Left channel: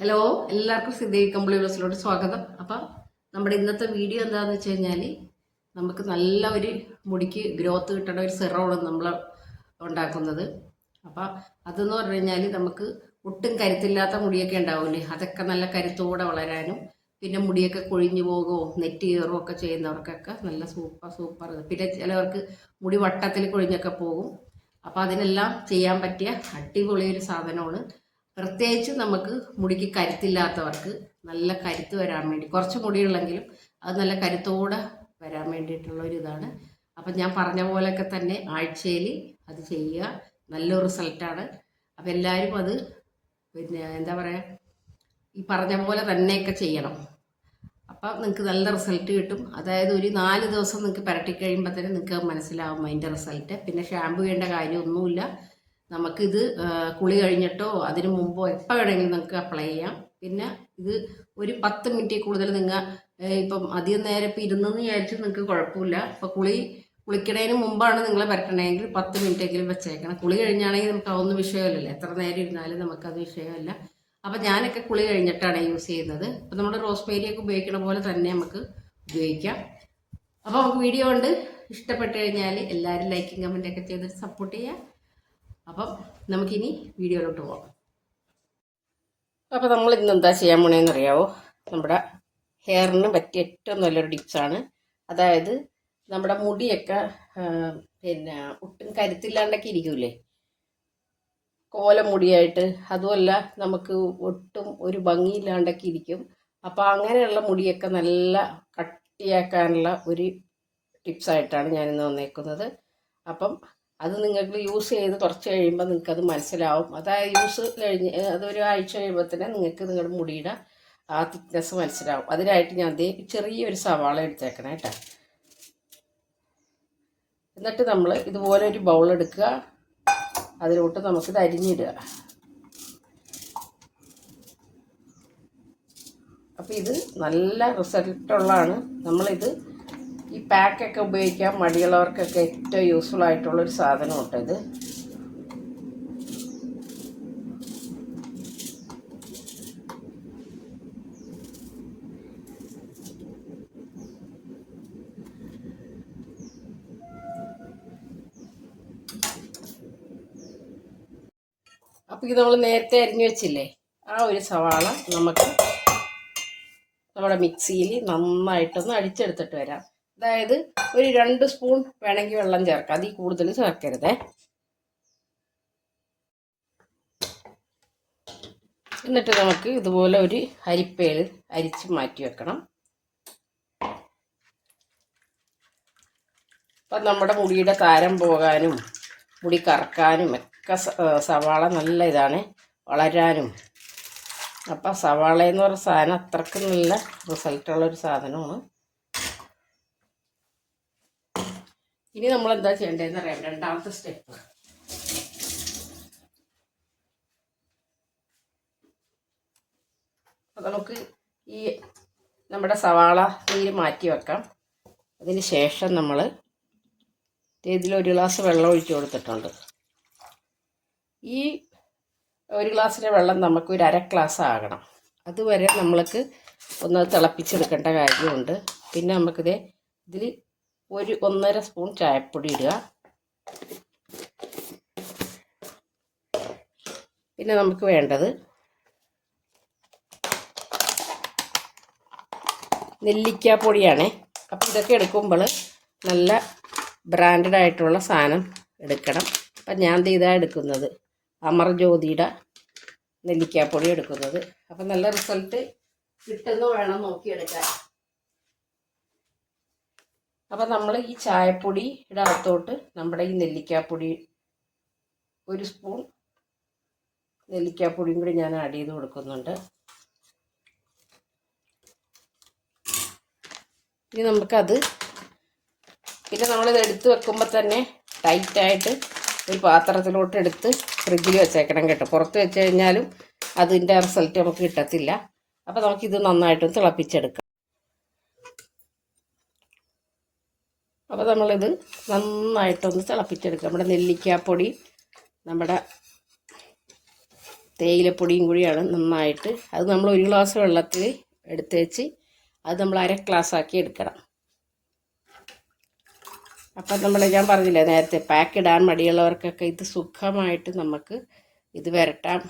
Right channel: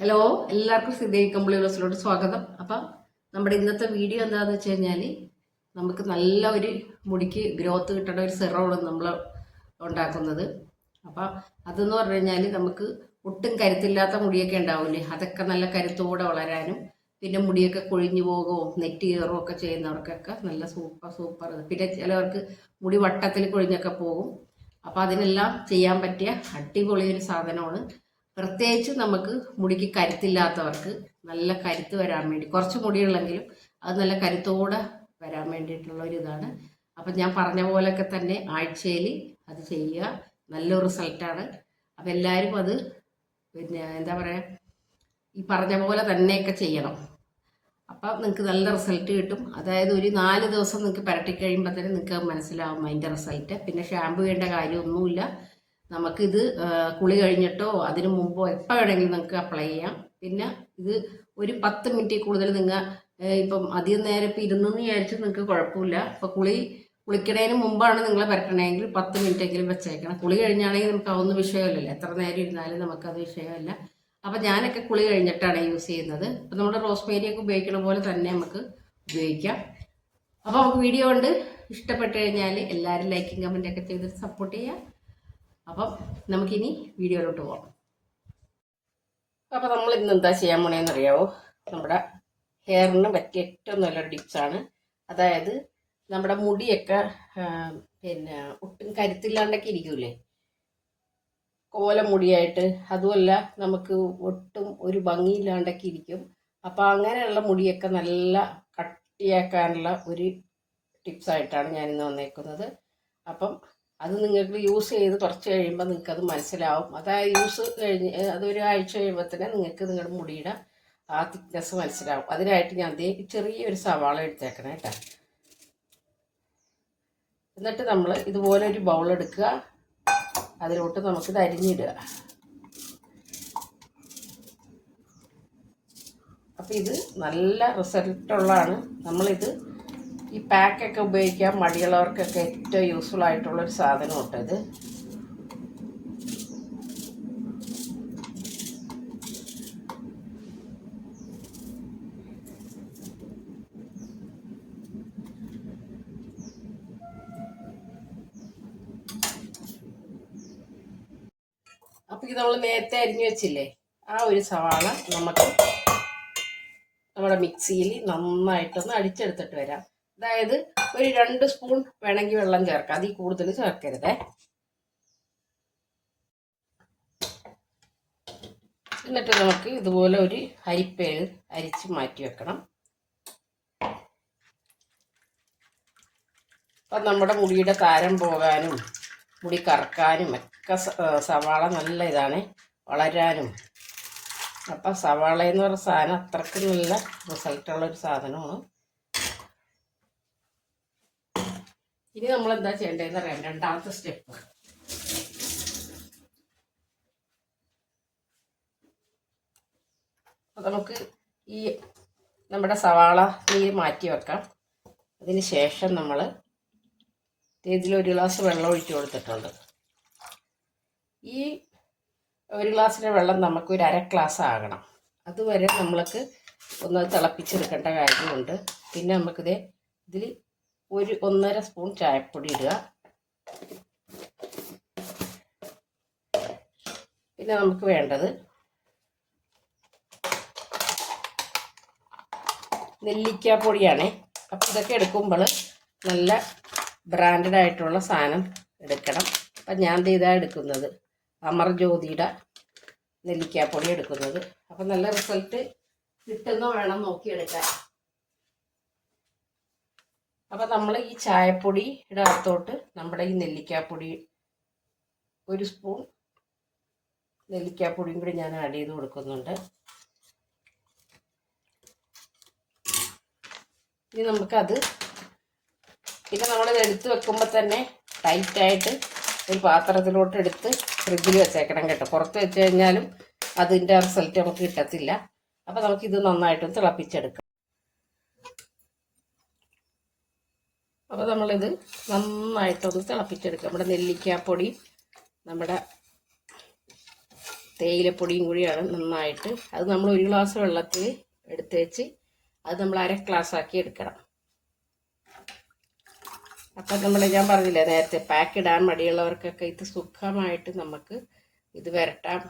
Hello എല്ലാവർക്കും സിദ്ധേവി കമ്പിളി ബസ്സിലോട്ട് സ്വാഗതം. അപ്പം നമ്മുടെ ഇന്നത്തെ വീഡിയോ എന്താണെന്ന് വെച്ച് കഴിഞ്ഞാൽ നമുക്ക് നല്ല ഒരു മുടിക്ക് ഗ്രോത്ത് കിട്ടണ ഒരു സിറമാണ് നമ്മൾ ഉണ്ടാക്കുന്നത്. അപ്പം അതെന്ന് പറഞ്ഞു കഴിഞ്ഞാൽ നമുക്ക് ഒട്ടും കരുത്തില്ലാത്ത മുടിയൊക്കെ ഉണ്ടാവില്ലേ? അതൊക്കെ നല്ല കരുത്തോടെ വളരാനും പിന്നെ മുടിയൊക്കെ കൊഴിഞ്ഞു പോകുമോ നെറ്റ് കയറുമോ ഒക്കെ ചെയ്യുന്നവർക്കൊക്കെ നല്ല സൂപ്പർ സൂപ്പർ പിന്നെ ചിലവർക്ക് മുടി വട്ടത്തിൽ കൊഴിഞ്ഞൊക്കെ പോകും. അപ്പോൾ അതിനെല്ലാം ചെയ്യാൻ പറ്റിയ അടിപൊളി ഒരു സാധനമാണ് പ്രത്യേകിച്ച് നമുക്ക് മുടിക്ക് കരുത്തില്ലാത്തവർക്ക് നല്ല കരുത്ത് വരാൻ വേണ്ടി കുറച്ച് മുടിയുള്ളെങ്കിലും അത് നല്ല കരുത്തോടെ വരാൻ വേണ്ടിയിട്ടുള്ള ഒരു ഇതാണ്. അപ്പം ഞാൻ പറഞ്ഞ പോലെയൊക്കെ തന്നെ ആഴ്ചയിൽ അത് ചെയ്യുക. നല്ല റിസൾട്ടാണ് അപ്പം എല്ലാവരും അത് പിന്നെ എന്താ പറയുക ഈ പറഞ്ഞ പോലെ തന്നെയൊക്കെ ചെയ്യണം. അപ്പം നിങ്ങൾക്ക് നല്ല റിസൾട്ട് കിട്ടും. അതായത് ഒരു നാല് ദിവസം നിങ്ങൾക്ക് പുരട്ടി കഴിയുമ്പോൾ തന്നെ നിങ്ങൾക്ക് മനസ്സിലാവും അതിന്റെ റിസൾട്ട് പിന്നെ ഷാമ്പു ചെയ്യേണ്ട കാര്യമൊന്നുമില്ല. നമുക്കിത് കുളി കഴിഞ്ഞിട്ടോ അതിനു മുമ്പോ എപ്പോൾ വേണമെങ്കിലും നിങ്ങൾക്ക് അപ്ലൈ ചെയ്യാം. പിന്നെ ഇത് ഒരു പത്ത് മിനിറ്റ് കൂടുതൽ നിങ്ങൾ ഇപ്പം അധികം നേരം ഇപ്പം ഇരുന്നെന്ന് വിചാരിച്ച് നിങ്ങൾക്ക് കുഴപ്പമില്ല. ഇപ്പം കുളി കുളിക്കണതിന് മുമ്പാണ് നിങ്ങൾ പരട്ടണമെങ്കിൽ പത്ത് മിനിറ്റെങ്കിലും വെച്ചേക്കണം. കുളി കഴിഞ്ഞാണെങ്കിൽ നമുക്ക് അതൊന്നും വിഷയമല്ലല്ലോ. എത്ര നേരം ഇരുന്നാലും നമുക്കത് വിഷയമല്ല. അപ്പം ഞാനൊക്കെ കുളി കഴിഞ്ഞിട്ടാണ് യൂസ് ചെയ്യുന്നത്. അപ്പം നമ്മുടെ റോസ്മേരിയൊക്കെ ഉപയോഗിക്കണ പോലെ തന്നെ നമുക്ക് ഉപയോഗിക്കാം. അപ്പോൾ നമുക്ക് വീഡിയോ കൊണ്ട് ഇഷ്ടപ്പെട്ട് കഴിഞ്ഞാൽ എല്ലാവരും ലൈക്കും കമന്റൊക്കെ ചെയ്തിട്ട് സപ്പോർട്ട് ചെയ്യാം അപ്പം നമുക്കിനി വീഡിയോയിലോട്ട് പോകാം അപ്പോൾ നമ്മൾ ഇന്ന് എന്താ ചെയ്യാൻ പോണേന്ന് അറിയാവോ? നമ്മുടെ ഹെയറിന് പറ്റിയ ഏറ്റവും നല്ലൊരു ടിപ്സാണ് അതായത് നമ്മുടെ മുടിയൊക്കെ പിന്നെ ഒട്ടും കരുത്തില്ലാണ്ടൊക്കെ ഇരിക്കൂലേ? കോല മുടിയായിട്ട്. അതുമല്ല നമുക്ക് ഒട്ടും ഒരു ഭംഗിയില്ലാണ്ടൊക്കെ ഇരിക്കും. അപ്പോൾ അങ്ങനെയുള്ള മുടിയൊക്കെ നല്ല കട്ടിയാക്കാനുള്ള ഒരു ടിപ്സായിട്ടാണ് ഞാനിന്ന് വന്നേക്കുന്നത്. അപ്പം അത് നിങ്ങൾക്ക് യൂസ് ചെയ്ത് കുറച്ച് കഴിയുമ്പോൾ നിങ്ങൾക്ക് അത് മനസ്സിലാവും അതായത് യൂസ് കഴിഞ്ഞ് അതൊരു ആഴ്ച കഴിയുമ്പോൾ തന്നെ നിങ്ങൾക്ക് നിങ്ങളുടെ മുടിയുടെ ആ തിക്നെസ് മനസ്സിലാവും. അതിനായിട്ട് ഞാൻ ദേ ചെറിയൊരു സവാള എടുത്തേക്കണം കേട്ടോ. എന്നിട്ട് നമ്മൾ ഇതുപോലെ ഒരു ബൗൾ എടുക്കുക. അതിലോട്ട് നമുക്കിത് അരിഞ്ഞിടുക. അപ്പം ഇത് നല്ല റിസൾട്ടുള്ളതാണ് നമ്മളിത് പാക്കൊക്കെ ഉപയോഗിക്കാൻ മടിയുള്ളവർക്കൊക്കെ ഏറ്റവും യൂസ്ഫുൾ ആയിട്ടുള്ളൊരു സാധനം ഇട്ടത് അപ്പൊ ഇത് നമ്മൾ നേരത്തെ അരിഞ്ഞു വെച്ചില്ലേ? ആ ഒരു സവാള നമുക്ക് നമ്മുടെ മിക്സിയിൽ നന്നായിട്ടൊന്ന് അടിച്ചെടുത്തിട്ട് വരാം. അതായത് ഒരു രണ്ട് സ്പൂൺ വേണമെങ്കിൽ വെള്ളം ചേർക്കാം. അതിൽ കൂടുതൽ ചേർക്കരുതേ. എന്നിട്ട് നമുക്ക് ഇതുപോലെ ഒരു അരിപ്പയിൽ അരിച്ച് മാറ്റി വെക്കണം. അപ്പം നമ്മുടെ മുടിയുടെ താരം പോകാനും മുടി കറക്കാനും ഒക്കെ സവാള നല്ല ഇതാണ്. വളരാനും. അപ്പം സവാള എന്ന് പറഞ്ഞ സാധനം അത്രയ്ക്ക് നല്ല റിസൾട്ടുള്ള ഒരു സാധനമാണ്. ഇനി നമ്മൾ എന്താ ചെയ്യേണ്ടതെന്ന് അറിയാം. രണ്ടാമത്തെ സ്റ്റെപ്പ് അപ്പം നമുക്ക് ഈ നമ്മുടെ സവാള നീര് മാറ്റി വെക്കാം. അതിന് ശേഷം നമ്മൾ ഇതിലൊരു ഗ്ലാസ് വെള്ളം ഒഴിച്ചു കൊടുത്തിട്ടുണ്ട്. ഈ ഒരു ഗ്ലാസ്സിലെ വെള്ളം നമുക്ക് ഒരു അര ഗ്ലാസ് ആകണം. അതുവരെ നമ്മൾക്ക് ഒന്ന് തിളപ്പിച്ചെടുക്കേണ്ട കാര്യമുണ്ട്. പിന്നെ നമുക്കിത് ഇതിൽ ഒരു ഒന്നര സ്പൂൺ ചായപ്പൊടി ഇടുക. പിന്നെ നമുക്ക് വേണ്ടത് നെല്ലിക്കാപ്പൊടിയാണേ. അപ്പോൾ ഇതൊക്കെ എടുക്കുമ്പോൾ നല്ല ബ്രാൻഡഡ് ആയിട്ടുള്ള സാധനം എടുക്കണം. അപ്പം ഞാൻ ദേ ഇതാ എടുക്കുന്നത്. അമർജ്യോതിയുടെ നെല്ലിക്കാപ്പൊടി എടുക്കുന്നത്. അപ്പം നല്ല റിസൾട്ട് കിട്ടുന്ന വേണം നോക്കിയെടുക്കാൻ. അപ്പം നമ്മൾ ഈ ചായപ്പൊടി അകത്തോട്ട് നമ്മുടെ ഈ നെല്ലിക്കാപ്പൊടി ഒരു സ്പൂൺ നെല്ലിക്കാപ്പൊടിയും കൂടി ഞാൻ ആഡ് ചെയ്ത് കൊടുക്കുന്നുണ്ട്. ഇനി നമുക്കത് പിന്നെ നമ്മളിത് എടുത്ത് വെക്കുമ്പോൾ തന്നെ ടൈറ്റായിട്ട് ഒരു പാത്രത്തിലോട്ട് എടുത്ത് ഫ്രിഡ്ജിൽ വെച്ചേക്കണം കേട്ടോ. പുറത്ത് വെച്ച് കഴിഞ്ഞാലും അതിന്റെ റിസൾട്ട് നമുക്ക് കിട്ടത്തില്ല. അപ്പോൾ നമുക്കിത് നന്നായിട്ടൊന്ന് തിളപ്പിച്ചെടുക്കാം. അപ്പോൾ നമ്മളിത് നന്നായിട്ടൊന്ന് തിളപ്പിച്ചെടുക്കുക നമ്മുടെ നെല്ലിക്കാപ്പൊടി നമ്മുടെ തേയിലപ്പൊടിയും കൂടിയാണ് നന്നായിട്ട്. അത് നമ്മൾ ഒരു ഗ്ലാസ് വെള്ളത്തിൽ എടുത്തേച്ച് അത് നമ്മൾ അര ഗ്ലാസ് ആക്കി എടുക്കണം. അപ്പം നമ്മൾ ഞാൻ പറഞ്ഞില്ലേ നേരത്തെ പാക്ക് ഇടാൻ മടിയുള്ളവർക്കൊക്കെ ഇത് സുഖമായിട്ട് നമുക്ക് ഇത് വരട്ടാം.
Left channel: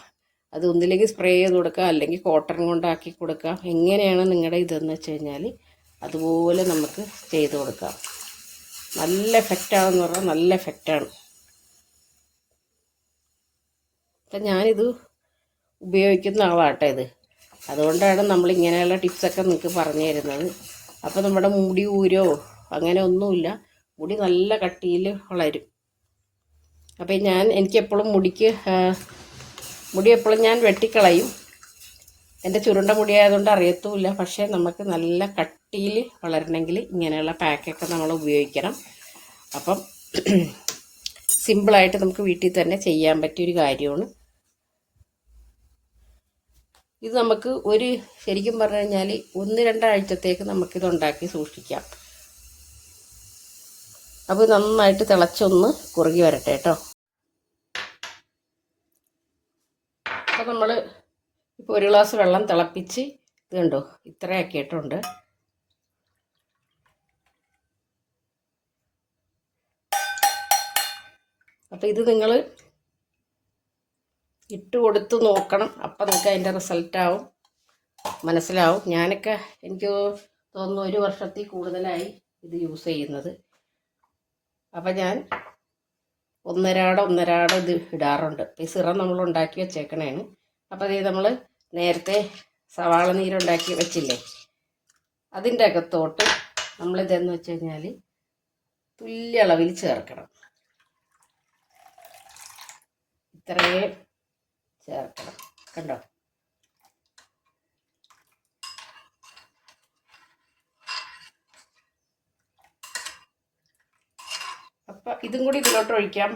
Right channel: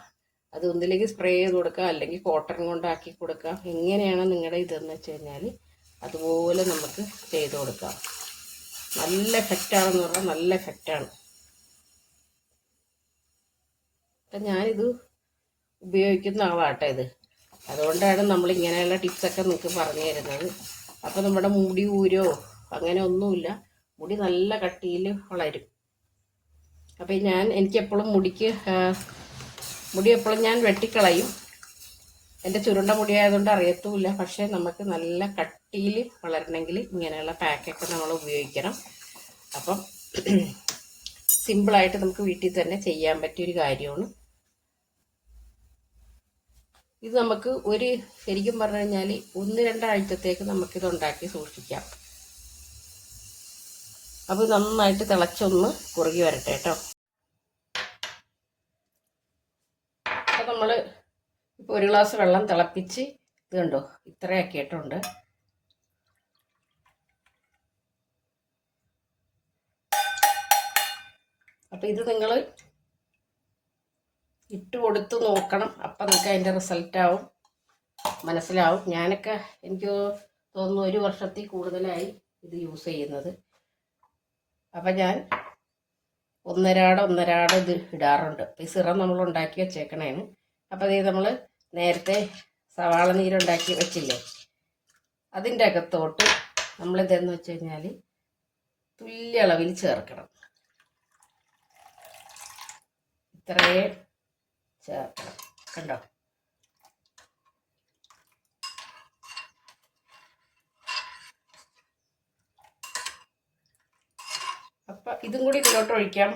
അത് ഒന്നില്ലെങ്കിൽ സ്പ്രേ ചെയ്ത് കൊടുക്കാം അല്ലെങ്കിൽ കോട്ടൺ കൊണ്ടാക്കി കൊടുക്കാം. എങ്ങനെയാണ് നിങ്ങളുടെ ഇതെന്ന് വെച്ച് കഴിഞ്ഞാൽ അതുപോലെ നമുക്ക് ചെയ്ത് കൊടുക്കാം. നല്ല എഫക്റ്റാണെന്ന് പറഞ്ഞാൽ നല്ല എഫക്റ്റാണ് അപ്പം ഞാനിത് ഉപയോഗിക്കുന്ന ആളാട്ടെ ഇത്. അതുകൊണ്ടാണ് നമ്മൾ ഇങ്ങനെയുള്ള ടിപ്സൊക്കെ നിങ്ങൾക്ക് പറഞ്ഞു തരുന്നത്. അപ്പോൾ നമ്മുടെ മുടി ഊരോ അങ്ങനെ ഒന്നുമില്ല. മുടി നല്ല കട്ടിയിൽ വളരും. അപ്പം ഞാൻ എനിക്കെപ്പോഴും മുടിക്ക് മുടി എപ്പോഴും ഞാൻ വെട്ടിക്കളയും. എന്റെ ചുരുണ്ട മുടിയായതുകൊണ്ട് അറിയത്തുമില്ല. പക്ഷേ നമുക്ക് നല്ല കട്ടിയിൽ വളരണമെങ്കിൽ ഇങ്ങനെയുള്ള പാക്കൊക്കെ നമ്മൾ ഉപയോഗിക്കണം. അപ്പം സിമ്പിളായിട്ട് നമുക്ക് വീട്ടിൽ തന്നെ ചെയ്യാൻ പറ്റിയൊരു കാര്യമാണ്. ഇത് നമുക്ക് ഒരു ശരിക്കും പറഞ്ഞു കഴിഞ്ഞാൽ ഒന്ന് രണ്ടാഴ്ചത്തേക്ക് നമുക്കിത് ഉണ്ടാക്കി സൂക്ഷിക്കാം. അപ്പോൾ നന്നായിട്ട് തിളച്ചൊന്ന് കുറുകി വരട്ടെ കേട്ടോ അപ്പോൾ നമ്മൾ ഇപ്പോൾ ഒരു ഗ്ലാസ് വെള്ളം തിളപ്പിച്ച് ഇത് കണ്ടോ? ഇത്രയാക്കിയിട്ടുണ്ട്. അപ്പോൾ ഇത് നിങ്ങൾ ഇട്ട് കൊടുത്ത് നോക്കണം. അപ്പം നിങ്ങൾക്ക് അതിന്റെ റിസൾട്ടാവും മനസ്സിലാവും. ഞാനൊക്കെ എനിക്ക് തോന്നുന്നു ഒരു വർഷത്തിൽ കൂടുതലായി ഇത് യൂസ് ചെയ്യുന്നത്. അപ്പം ഞാൻ ഒന്നരാട ഒന്നരാട ഇത് ഇടാറുണ്ട്. അപ്പം ഈ സിറം നമ്മൾ ഉണ്ടാക്കി വെച്ചേക്കണേന് അപ്പോൾ ഇത് നമ്മൾ നേരത്തെ സവാള നീരുണ്ടാക്കി വെച്ചില്ലേ? അതിന്റെ അകത്തോട്ട് നമ്മളിതെന്ന് വെച്ച് കഴിഞ്ഞാൽ തുല്യ അളവിൽ ചേർക്കണം. ഇത്രയും ചേർക്കണം. കണ്ടോ? അപ്പം ഇതും കൂടി ഇതിലോട്ട് ഒഴിക്കാൻ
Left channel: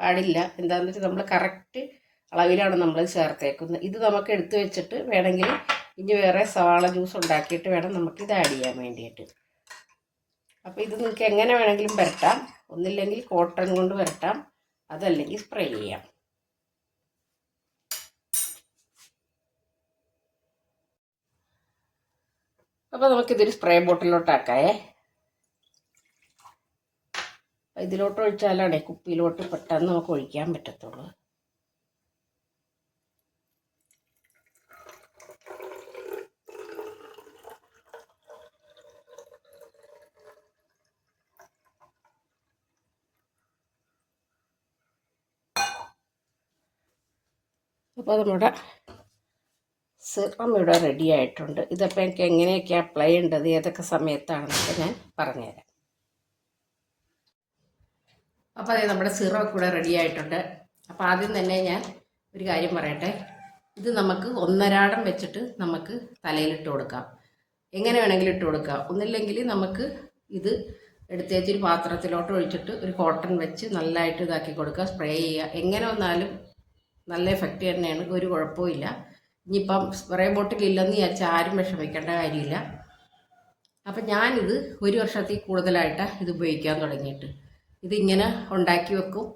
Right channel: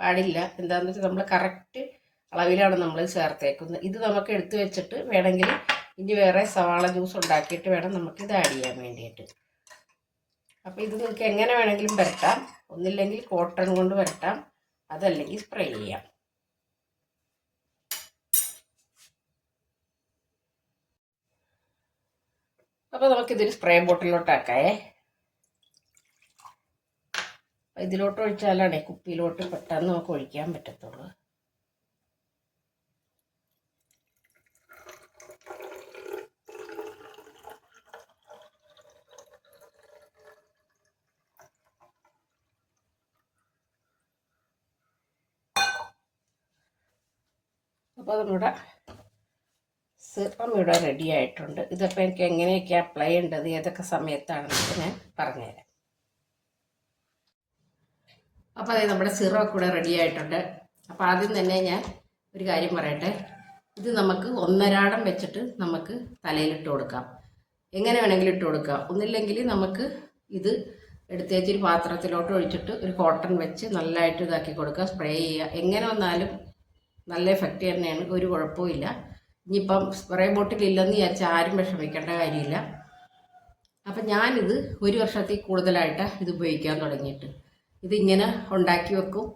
പാടില്ല. എന്താണെന്ന് വെച്ചാൽ നമ്മൾ കറക്റ്റ് അളവിലാണ് നമ്മൾ ചേർത്തേക്കുന്നത്. ഇത് നമുക്ക് എടുത്തു വെച്ചിട്ട് വേണമെങ്കിൽ ഇനി വേറെ സവാള ജ്യൂസ് ഉണ്ടാക്കിയിട്ട് വേണം നമുക്ക് ഇത് ആഡ് ചെയ്യാൻ വേണ്ടിയിട്ട്. അപ്പോൾ ഇത് നിങ്ങൾക്ക് എങ്ങനെ വേണമെങ്കിലും വരട്ടാം ഒന്നില്ലെങ്കിൽ കോട്ടൺ കൊണ്ട് വരട്ടാം അതല്ലെങ്കിൽ സ്പ്രേ ചെയ്യാം. അപ്പോൾ നമുക്കിതൊരു സ്പ്രേ ബോട്ടിലോട്ടാക്കായേ ഇതിലോട്ട് ഒഴിച്ചാലാണേ കുപ്പിയിലോട്ട് പെട്ടെന്ന് നമുക്ക് ഒഴിക്കാൻ പറ്റത്തുള്ളൂ. അപ്പോൾ നമ്മുടെ സിറം ഇവിടെ റെഡി ആയിട്ടുണ്ട്. ഇതപ്പോൾ എനിക്ക് എങ്ങനെയൊക്കെ അപ്ലൈ ചെയ്യേണ്ടത്? ഏതൊക്കെ സമയത്താണെന്നൊക്കെ ഞാൻ പറഞ്ഞുതരാം. അപ്പോൾ അതെ നമ്മുടെ സിറമൊക്കെ ഇവിടെ റെഡി ആയിട്ടുണ്ട്. അപ്പോൾ ആദ്യം തന്നെ ഞാൻ ഒരു കാര്യം പറയട്ടെ. ഇത് നമുക്ക് ഒന്നരാടം വെച്ചിട്ട് നമുക്ക് തലയിലിട്ട് കൊടുക്കാം. എങ്ങനെ വേണമെങ്കിലും ഇട്ട് കൊടുക്കാം. ഒന്നില്ലെങ്കിൽ നമുക്ക് ഇത് എടുത്തേച്ച് ഒരു പാത്രത്തിലോട്ട് ഒഴിച്ചിട്ട് ഒരു കോട്ടൺ വെച്ച് നല്ലതായിട്ട് ഇതാക്കി കൊടുക്കുക. സ്പ്രേ ചെയ്യുക. എങ്ങനെ വന്നാലും നല്ല എഫക്റ്റ് തന്നെയാണ്. ഒരു കുഴപ്പമില്ല ഇനിയിപ്പം സ്പ്രേ ബോട്ടിൽ ഇല്ലെന്ന് വിചാരിച്ചാൽ ആരും വിഷമിക്കേണ്ട കാര്യമില്ല. അപ്പം ഞാനിത് ഒരു വർഷത്തിൽ കൂടുതലായിട്ട് ഇത് ഉപയോഗിക്കാൻ തുടങ്ങിയിട്ട്. ഇതിങ്ങനെ ഉണ്ടാക്കി വെക്കും.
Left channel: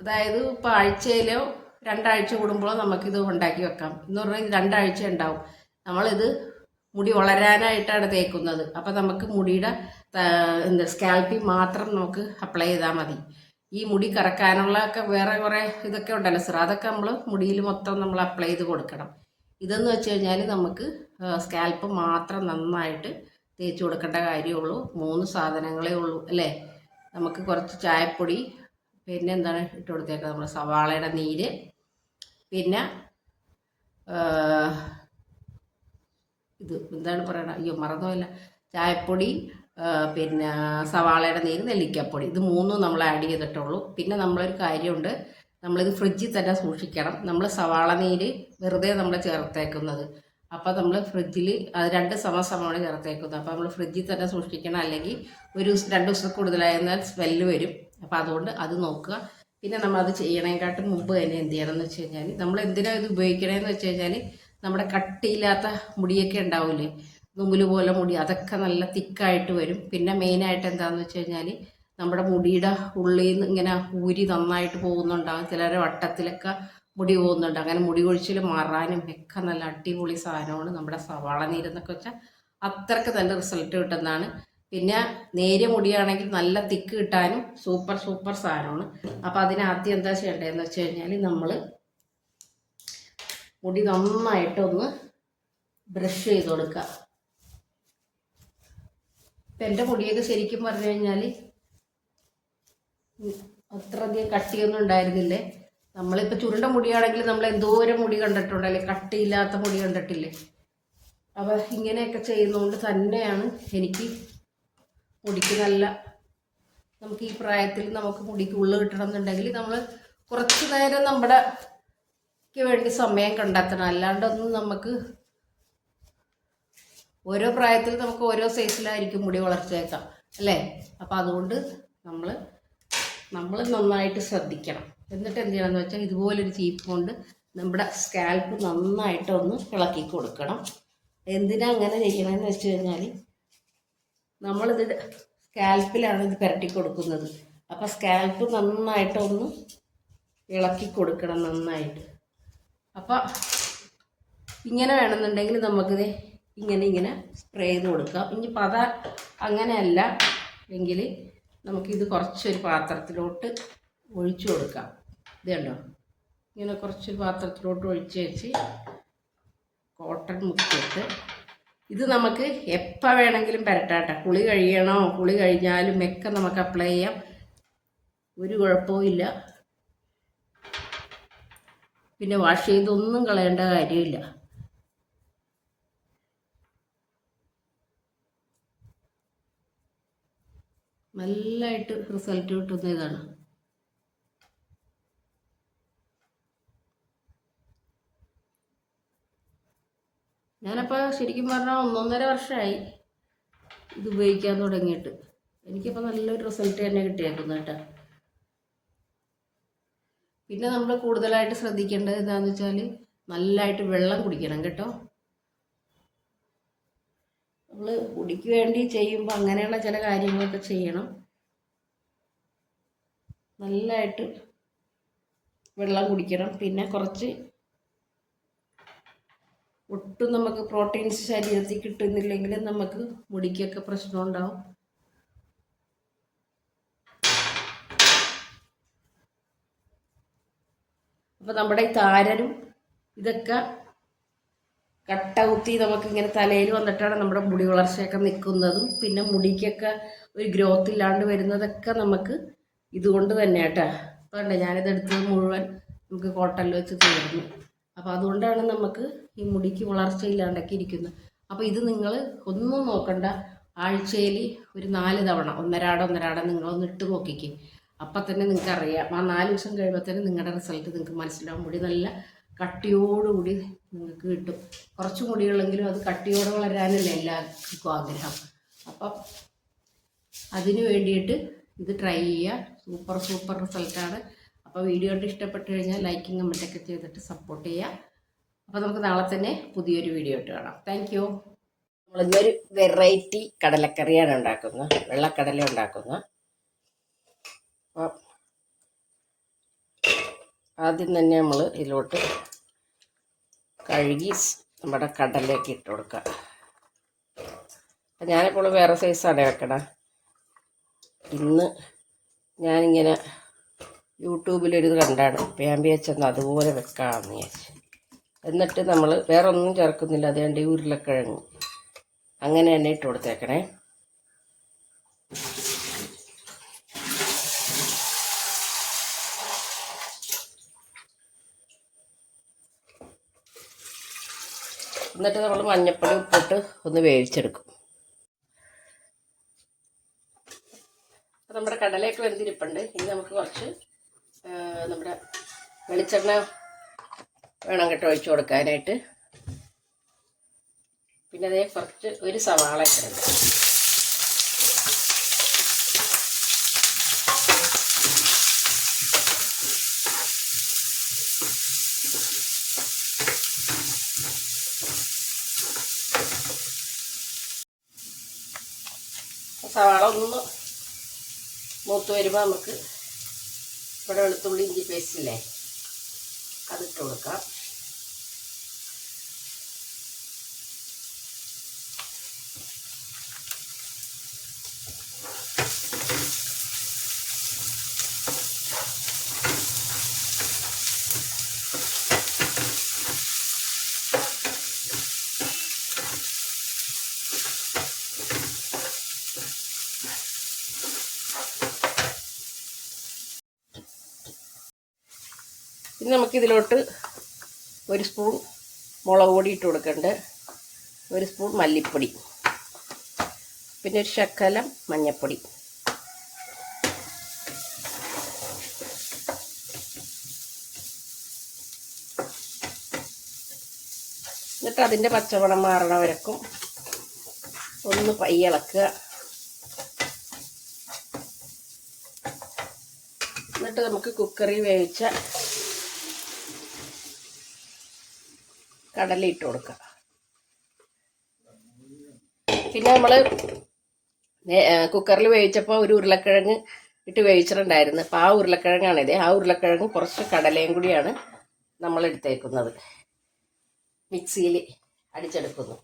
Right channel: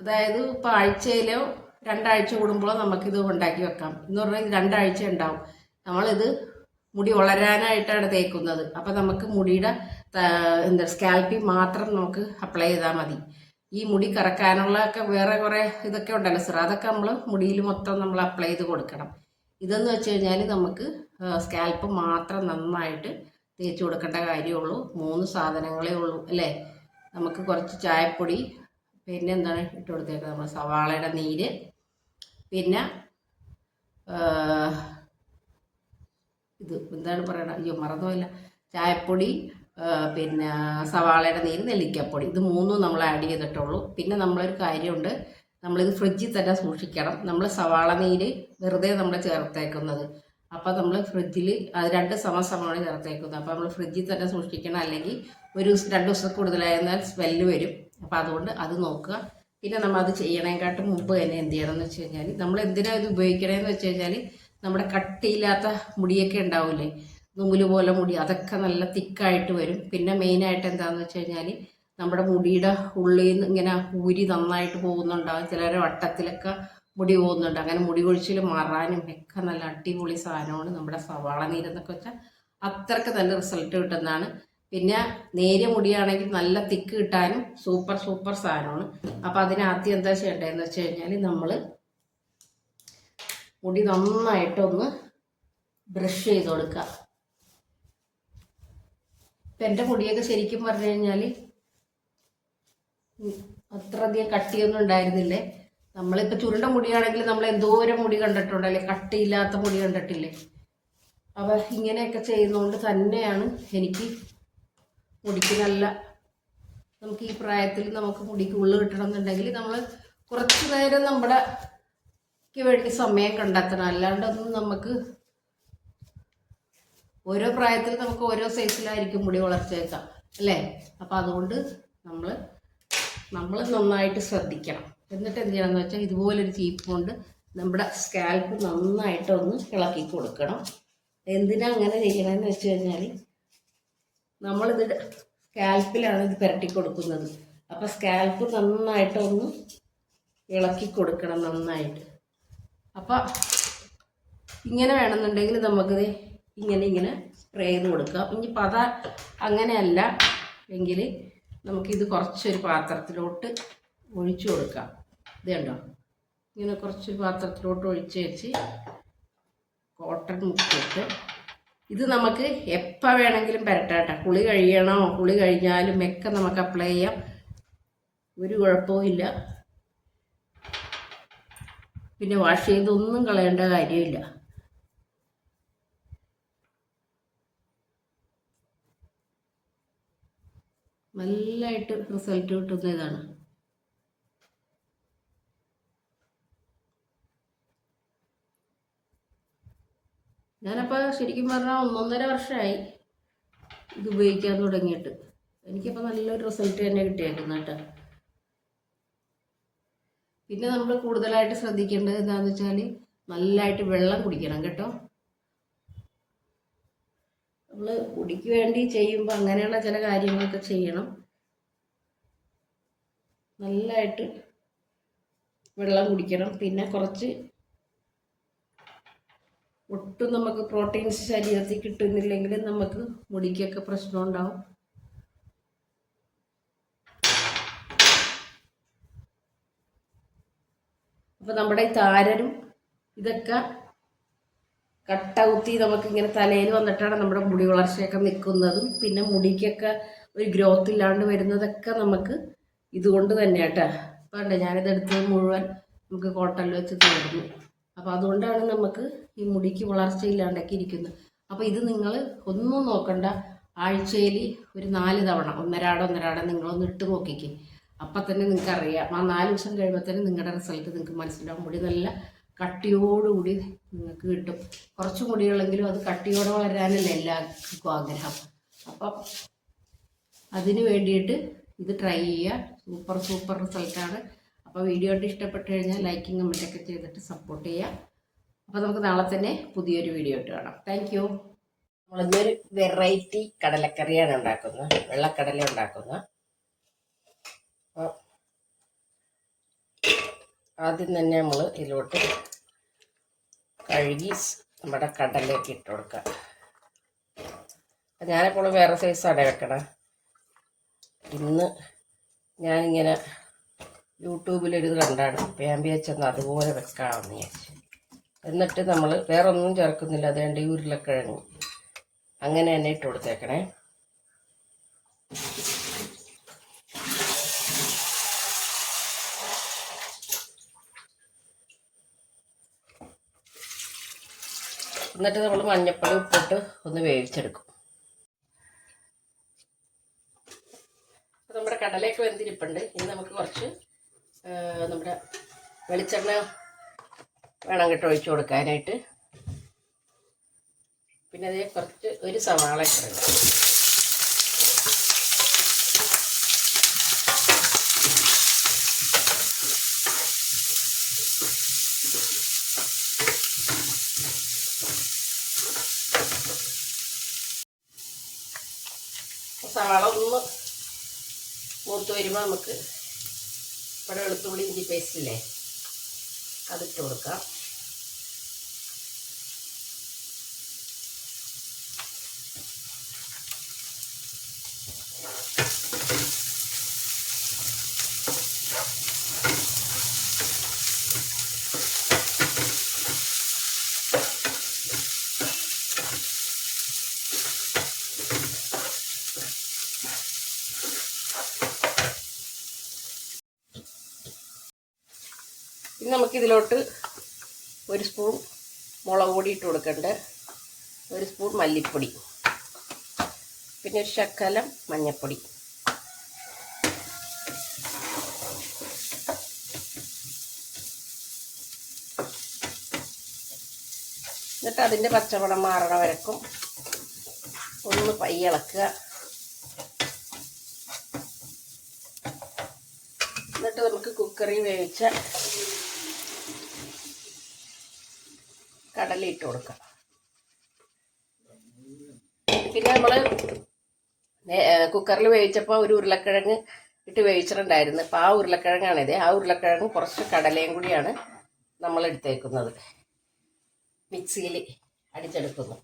അതായത് ഇപ്പോൾ ആഴ്ചയിലോ രണ്ടാഴ്ച കൂടുമ്പോഴോ നമുക്കിത് ഉണ്ടാക്കി വെക്കാം. എന്ന് പറഞ്ഞാൽ രണ്ടാഴ്ച ഉണ്ടാവും. നമ്മളിത് മുടി വളരാനായിട്ടാണ് തേക്കുന്നത്. അപ്പം നമുക്ക് മുടിയുടെ എന്താ സ്കാൽപ്പിൽ മാത്രം നമുക്ക് അപ്ലൈ ചെയ്താൽ മതി. ഈ മുടി കറക്കാനുള്ള ഒക്കെ വേറെ കുറേ ഇതൊക്കെ ഉണ്ടല്ലോ സാർ അതൊക്കെ നമ്മൾ മുടിയിൽ മൊത്തം നമ്മൾ അപ്ലൈ ചെയ്ത് കൊടുക്കണം. ഇതെന്ന് വെച്ച് കഴിഞ്ഞാൽ നമുക്ക് സ്കാൽപ്പ് മാത്രം നന്നായിട്ട് തേച്ച് കൊടുക്കേണ്ട കാര്യമുള്ളൂ. മൂന്ന് സാധനങ്ങളേ ഉള്ളൂ അല്ലേ? നമുക്ക് കുറച്ച് ചായപ്പൊടി പിന്നെ എന്താണ് ഇട്ട് കൊടുത്തേക്കുക നമ്മൾ സവാളയുടെ നീര് പിന്നെ ഇത് എന്താണ് പറയണത്? അയ്യോ മറന്നുമില്ല ചായപ്പൊടി പിന്നെ സവാളയുടെ നീര് നെല്ലിക്കപ്പൊടി. ഇത് മൂന്നും നമ്മൾ ആഡ് ചെയ്തിട്ടുള്ളൂ. പിന്നെ നമ്മളൊരു കാര്യമുണ്ട്. നമ്മളിത് ഫ്രിഡ്ജിൽ തന്നെ സൂക്ഷിക്കണം. നമ്മൾ സവാള നീര് വെറുതെ നമ്മൾ ചേർത്തേക്കുന്നത്. അപ്പോൾ നമ്മൾ ഫ്രിഡ്ജിൽ അത് രണ്ട് സമസമാണ് ചേർത്തേക്കുന്നത്. അപ്പോൾ നമ്മൾ ഫ്രിഡ്ജിൽ തന്നെ സൂക്ഷിക്കണം. അല്ലെങ്കിൽ ഒരു രണ്ട് ദിവസം കൂടുതലായിരുന്നാൽ സ്മെല്ല് വരും. അപ്പോൾ അതുകൊണ്ട് അത് നോക്കുക. പിന്നെ നമ്മൾ അത് ചെയ്യണേക്കാട്ടും മുമ്പ് തന്നെ എന്ത് ചെയ്യണം എന്ന് വെച്ച് കഴിഞ്ഞാൽ നമ്മൾ എന്തിനാണ് ഇത് ഉപയോഗിക്കണേന്ന് വെച്ച് കഴിഞ്ഞാൽ നമ്മുടെ കട്ടിയില്ലാത്ത മുടിയൊക്കെ ഉണ്ടാവില്ലേ? നൂൽ പോലെ മുടി അതൊക്കെ നല്ല തിക്കായിട്ട് വരും. പിന്നെ മെയിനായിട്ട് എന്താണെന്ന് വെച്ച് കഴിഞ്ഞാൽ നമ്മുടെ മുടിയുടെ ഉള്ളിൽ നിന്ന് ഇങ്ങനെ ഊരി നന്നായിട്ട് പോകുന്നുണ്ടാകും ചിലരെ വട്ടത്തിലൊക്കെ മുടി പോകുന്നുണ്ട്. അങ്ങനെ മുടി കൊഴിച്ചിൽ മാറാനും ഒക്കെ നല്ല അടിപൊളി സാധനമാണ് നമ്മുടെ സവാള നീരെന്നൊക്കെ വെച്ചാൽ അത്രയ്ക്ക് നല്ല റിസൾട്ട് കിട്ടുന്നതാണ്. പിന്നെ നേരിയ മുടിയാണെങ്കിൽ നല്ല തിക്ക് കിട്ടാനും സൂപ്പർ സൂപ്പർ സാധനമാണ്. അപ്പോൾ അതിനാദ്യം എന്താ ചെയ്യേണ്ടതെന്ന് വെച്ച് കഴിഞ്ഞാൽ നമ്മൾ മുടി നന്നായിട്ടൊന്ന് ബ്രഷ് ചെയ്ത് കൊടുക്കുക. ഇപ്പം എന്റെ മുടിയൊക്കെ ശരിക്കും പറഞ്ഞു കഴിഞ്ഞാൽ അത്രയധികം കട്ടിയൊന്നും ഉണ്ടായിരുന്നില്ലേ? നമ്മളിപ്പോൾ ചുരുണ്ട മുടിയാണെങ്കിൽ നമ്മൾ എന്തോരം മുടി കണ്ടിട്ടുണ്ടല്ലേ കട്ടിയില്ലാത്ത മുടി കണ്ടിട്ടില്ലേ? അപ്പോൾ ഇങ്ങനെയൊക്കെ ചെയ്യുന്നതുകൊണ്ട് തന്നെയാണ് എനിക്ക് മുടിക്ക് നല്ല നമുക്ക് ഈ പ്രായത്തിൽ നമുക്ക് മുടിക്ക് ഉള്ളു കിട്ടണം എന്നുണ്ടെങ്കിൽ നമ്മൾ കുറച്ച് നേരം നമ്മുടെ വേണ്ടി സമയം കണ്ടെത്തണം അല്ലാണ്ടൊന്നും നമുക്ക് ഓരോ പ്രായത്തിൽ നമുക്ക് ഓരോ സൈസിലായിരിക്കും മുടി വളർച്ചയേക്കാം അല്ലേ? അപ്പം അതുകൊണ്ട് നമ്മൾ നമ്മൾ നന്നായിട്ട് ശ്രദ്ധിക്കണം. എന്നിട്ട് എന്ത് ചെയ്യണമെന്ന് വെച്ചാൽ ഇതുപോലൊരു ചീപ്പ് കൊണ്ട് നമ്മുടെ സ്കാൽപ്പ് നന്നായിട്ടൊന്ന് ഇളക്കി കൊടുക്കണം. എന്തിനാ അങ്ങനെ ചെയ്യണമെന്ന് വെച്ച് കഴിഞ്ഞാൽ നമ്മളിത് സ്കാൽപ്പിലാണ് ഇത് പുരട്ടി കൊടുക്കുന്നത്. അപ്പോൾ സ്കാൽപ്പ് നന്നായിട്ടൊന്ന് ഇളക്കി കൊടുക്കണം നന്നായിട്ട്. അപ്പോൾ ഇങ്ങനെ വേണമെന്നുണ്ടെങ്കിൽ നമുക്കിത് ഇങ്ങനെ ഇങ്ങനെ സ്പ്രേ ചെയ്ത് കൊടുക്കാം ഇനി പത അങ്ങനെയല്ല എങ്കിൽ നമുക്കിത് കുറച്ചൊരു പാത്രത്തിലോട്ട് ഒഴിച്ചു കൊടുക്കാം. ഇത് കണ്ടോ? ഇങ്ങനെ കുറച്ചൊരു പാത്രത്തിലോട്ട് ഒഴിച്ച് വെച്ച് കോട്ടൺ മുക്കിയിട്ട് ഇത് നമുക്ക് എപ്പോൾ വേണമെങ്കിലും പരട്ടാട്ടെ കുളി കഴിയണോ? കുളി കഴിഞ്ഞാലും ഒക്കെ നമുക്ക് അപ്ലൈ ചെയ്യാം. ഒരു കുഴപ്പവും പിന്നെ വാഷ് ചെയ്തൊന്നും കളയേണ്ട കാര്യമില്ല. നല്ലതായിട്ട് റിസൾട്ട് കിട്ടുന്ന ഇതാണ് ഞാനപ്പോൾ ശരിക്കും പറഞ്ഞാൽ ഒന്നൊന്നര വർഷമായി ഇത് ഉപയോഗിക്കാൻ തുടങ്ങിയിട്ട്. എനിക്കപ്പോൾ നല്ലൊരു റിസൾട്ട് തന്നെ കിട്ടിയേക്കുന്നു കേട്ടോ. പിന്നെ നമ്മൾ കൂടുതലായിട്ട് ശ്രദ്ധിക്കേണ്ടത് എന്താണെന്ന് വെച്ചാൽ നല്ലതായിട്ട് വെള്ളം കുടിക്കണം കേട്ടോ. നമ്മൾ കുടിക്ക് വേണ്ടി ചെയ്യുമ്പോൾ അങ്ങനെയുള്ള ചില കാര്യങ്ങളൊക്കെ ചെയ്യണം. നല്ലതായിട്ട് വെള്ളം കുടിക്കണം. പിന്നെ കുറച്ച് ഒട്ടും നമുക്ക് പ്രോട്ടീൻസ് ശരീരത്തിൽ കിട്ടുന്നില്ലെങ്കിൽ നമുക്ക് മുടിക്കൊക്കെ പ്രശ്നം ഉണ്ടാവും. അപ്പോൾ നമ്മുടെ താരനും ഇതൊക്കെ കട്ട കുത്തി നമുക്കിങ്ങനെ തലയിൽ വന്നിട്ടാണ് നമ്മുടെ മുടി വളർച്ചയൊക്കെ നിൽക്കുന്നതും പിന്നെ മുടിക്കൊക്കെ ഒരു ഗ്രോത്ത് ഇല്ലാണ്ട് വരുന്നതൊക്കെ നമുക്ക് ഇതുകൊണ്ട് തന്നെ കേട്ടോ അപ്പോൾ ഉണ്ട് ഞാനിത് എടുത്തത് മുഴുവൻ നമുക്ക് കോട്ടണിൽ വെച്ച് തീർന്നു. അപ്പോൾ അതുകൊണ്ടാണ് നമുക്ക് ഈ മുടിക്ക് വളർച്ച ഇല്ലാണ്ടൊക്കെ ഇരിക്കുന്നത്. അപ്പോൾ ഇത് നിങ്ങൾ ഒന്നും നോക്കണ്ട. ആഴ്ചയിൽ ഒരു നാല് തവണ ഒന്നരാട ഒന്നരാട നിങ്ങളൊന്ന് ഇട്ട് നോക്കിക്കും. അപ്പം തന്നെ നിങ്ങൾക്ക് അറിയാം ആ നാല് ദിവസം കഴിയുമ്പോൾ തന്നെ നിങ്ങളുടെ റിസൾട്ട് നിങ്ങൾക്ക് മനസ്സിലാവും. മുടി നല്ല കട്ടിയോടുകൂടി നിങ്ങൾക്ക് കിട്ടും. കുറച്ചും കൂടി ഉള്ളെങ്കിലും അത് കട്ടിയോടെ വളരാനല്ല എല്ലാവർക്കും ആഗ്രഹം. അപ്പം അതിന് വേണ്ടിയിട്ട് ഇത് ട്രൈ ചെയ്യുക. സൂപ്പർ സൂപ്പർ റിസൾട്ടാണ് അപ്പോൾ വീഡിയോ ഇഷ്ടപ്പെട്ട് കഴിഞ്ഞാൽ ലൈക്കും കമന്റൊക്കെ ചെയ്തിട്ട് സപ്പോർട്ട് ചെയ്യുക. അപ്പോൾ നമുക്ക് നാളെ തന്നെ പുതിയൊരു വീഡിയോ ഇട്ട് കാണാം. താങ്ക് യു നമ്മളിന്നൊരു വെറൈറ്റി കടലക്കറിയാണ് ഉണ്ടാക്കുന്നത്. വെള്ളക്കടല ഉണ്ടാക്കുന്നത് അപ്പോൾ ആദ്യം തന്നെ നമ്മൾ ഇതിലോട്ട് കഴുകി നമ്മുടെ കടലയൊക്കെ ഇട്ട് കൊടുക്കുക ഞാനിപ്പോൾ വേറെ സൈസാണ് വെക്കണം ഇന്ന് ഞാനിങ്ങനെ യൂട്യൂബിലൊരു കണ്ടാണ്. പേമ്പി ഞാൻ അതുപോലെ വെക്കാമെന്ന് വിചാരിച്ചു. എന്നിട്ട് നമ്മൾ വേറെ ഒന്നും ചേർക്കുന്നില്ല അതുകൊണ്ട് ഉരുളക്കിഴങ്ങ്. അങ്ങനെ തന്നെ ഇട്ട് കൊടുത്തേക്കണേ. എന്നിട്ട് നമ്മൾ മഞ്ഞപ്പൊടി ഉപ്പിട്ട് ഒന്ന് വേവിച്ചെടുക്കും. നമ്മുടെ കടലയൊക്കെ വെന്തിരിപ്പുണ്ട്. ഇനി നമുക്ക് കുറച്ച് നമ്മുടെ വെളിച്ചെണ്ണ വേണം കേട്ടോ ഒഴിച്ചു കൊടുക്കാനായിട്ട്. പിന്നെ അതേ കുറച്ച് ഒരു സവാള ഇട്ടുണ്ട് സവാള ഒന്ന് മൂത്ത് വരുമ്പോൾ നമുക്ക് ഇവിടെ വെളുത്തുള്ളി ഇഞ്ചി പേസ്റ്റ് ഇല്ലേ? അതിട്ട് കൊടുക്കാം. നമുക്കിതിലോട്ട് ഒരു സ്പൂൺ മുളക് പൊടി ഇട്ട് കൊടുക്കണ്ട്. ഒരു സ്പൂൺ മല്ലിപ്പൊടി. പിന്നെ ഒരു ശക്കലം മഞ്ഞൾപ്പൊടി എന്നിട്ട് അതിന്റെ പച്ചമണം മാറണ വരക്കും. ഒന്ന് പയ്യിളക്കുക എന്നിട്ട് നമുക്ക് കുക്കറി വേവിച്ച കടല ഇട്ട് കൊടുക്കുക. പിന്നെ നമ്മൾ കുക്കറിൽ വേവിച്ചപ്പോൾ ഒരു ഉരുളക്കിഴങ്ങ് ഇട്ട് വേവിച്ചിട്ടുണ്ടായിരുന്നു. അപ്പോൾ ആ ഉരുളക്കിഴങ്ങാണിത്. ആ ഉരുളക്കിഴങ്ങ് കുറച്ച് കടലയും കൂടിയാണ് നമ്മൾ എടുത്തേക്കുന്നത്. മിക്സിയിൽ അടിച്ചെടുക്കുന്നു.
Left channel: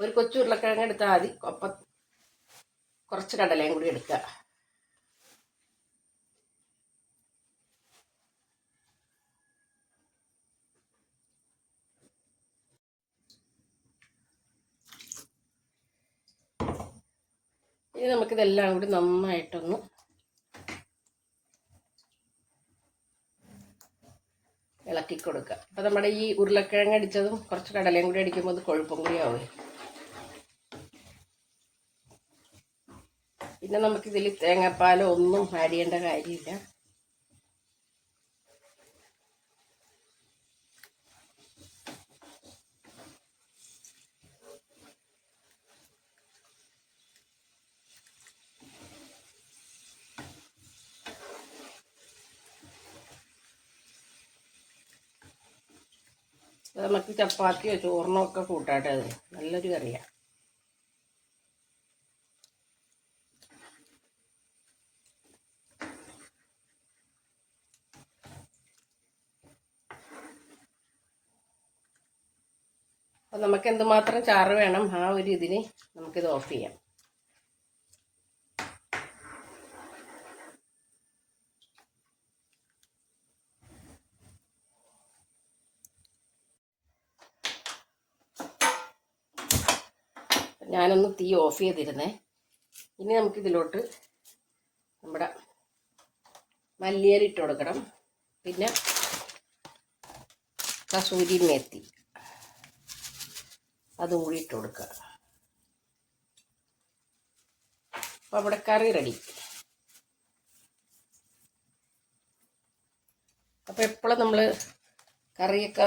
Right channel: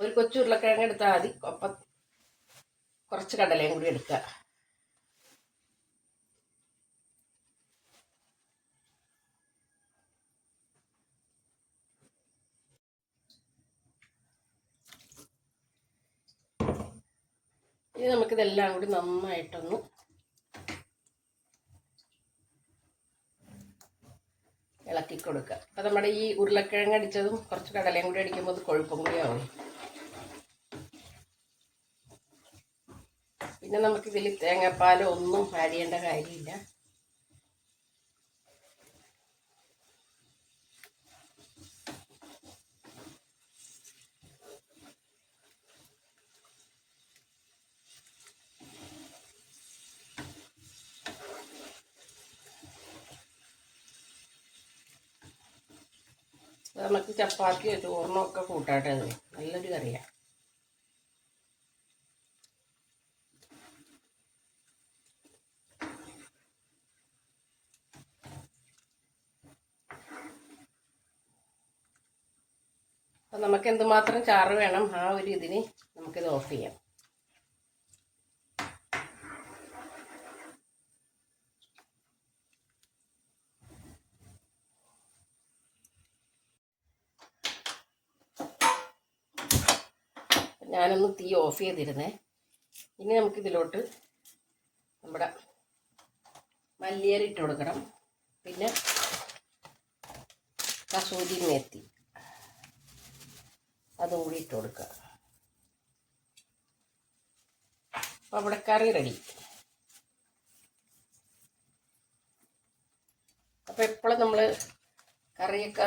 ഒരു കൊച്ചു ഉരുളക്കിഴങ്ങ് എടുത്താൽ മതി. കുറച്ച് കടലയും കൂടി എടുക്കുക ഇനി നമുക്കിതെല്ലാം കൂടി നന്നായിട്ടൊന്ന് ഇളക്കി കൊടുക്കുക അപ്പം നമ്മുടെ ഈ ഉരുളക്കിഴങ്ങ് അടിച്ചതും കുറച്ച് കടലയും കൂടി അടിക്കുമ്പോൾ അത് കൊഴുപ്പും കൂടി ആവും. പിന്നെ നമുക്കിതിൽ തേങ്ങാപ്പാലോ ഒന്നും ചെയ്യേണ്ട കാര്യമില്ല. നമുക്ക് ചപ്പാത്തിയോ ചോറിനോ ഒക്കെ കൂട്ടാട്ടെ നല്ലൊരു കറിയാണ് അപ്പം നമുക്ക് എന്തുമാത്രം ചാറ് വേണം ആ ഒരു ഇതിന് നമുക്കിത് ഓഫ് ചെയ്യാം. ഞാനൊന്ന് തീ ഓഫ് ചെയ്തിരുന്നേ. ഇനി നമുക്കിതിലോട്ട് നമ്മുടെ മല്ലിയരി ഇട്ട് കൊടുക്കണം. പിന്നെ കസൂരി മേത്തി. അതും കൂടി ഇട്ട് കൊടുക്കുക. അപ്പോൾ ഇവിടെ കറി റെഡി. അപ്പോൾ എപ്പോഴും നമ്മൾ കറിയൊക്കെ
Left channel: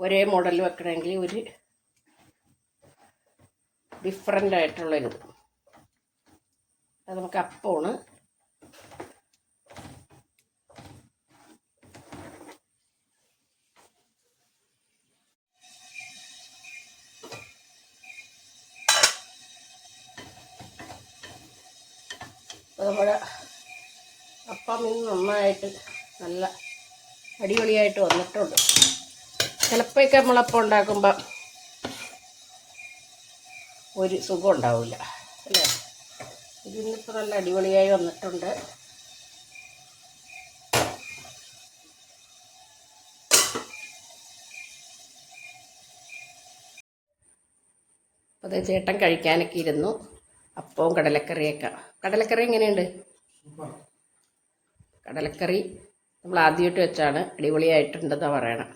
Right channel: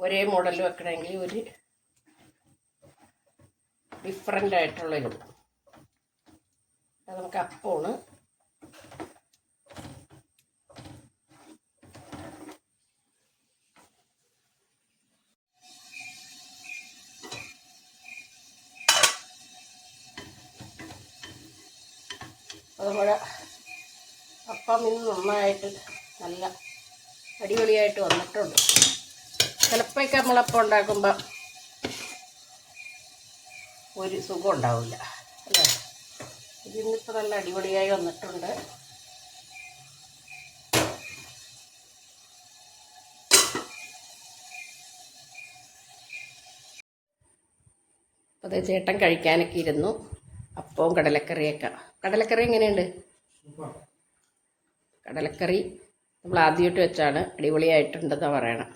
ഒരേ മോഡൽ വെക്കണമെങ്കിൽ ഒരു ഡിഫറെന്റ് ആയിട്ടുള്ളൊരു അത് നമുക്ക് അപ്പമാണ് അതുപോലെ അപ്പം ഇന്ന് നന്നായിട്ട് നല്ല അടിപൊളിയായിട്ട് വന്നിട്ടുണ്ട്. ചിലപ്പോഴൊക്കെ നമ്മളപ്പം ഉണ്ടാക്കുമ്പോൾ ഒരു സുഖം ഉണ്ടാവില്ല അല്ലേ ഇതിന്നിപ്പോൾ നല്ല അടിപൊളിയായി വന്നിട്ടുണ്ട്. അപ്പോൾ അത് ചേട്ടൻ കഴിക്കാനൊക്കെ ഇരുന്നു. അപ്പവും കടലക്കറിയൊക്കെ. കടലക്കറി എങ്ങനെയുണ്ട്? കടലക്കറി നമ്മൾ ആദ്യമായിട്ട് വെച്ചാണ്. അടിപൊളിയായിട്ടുണ്ടെന്നാണ് പറയണം.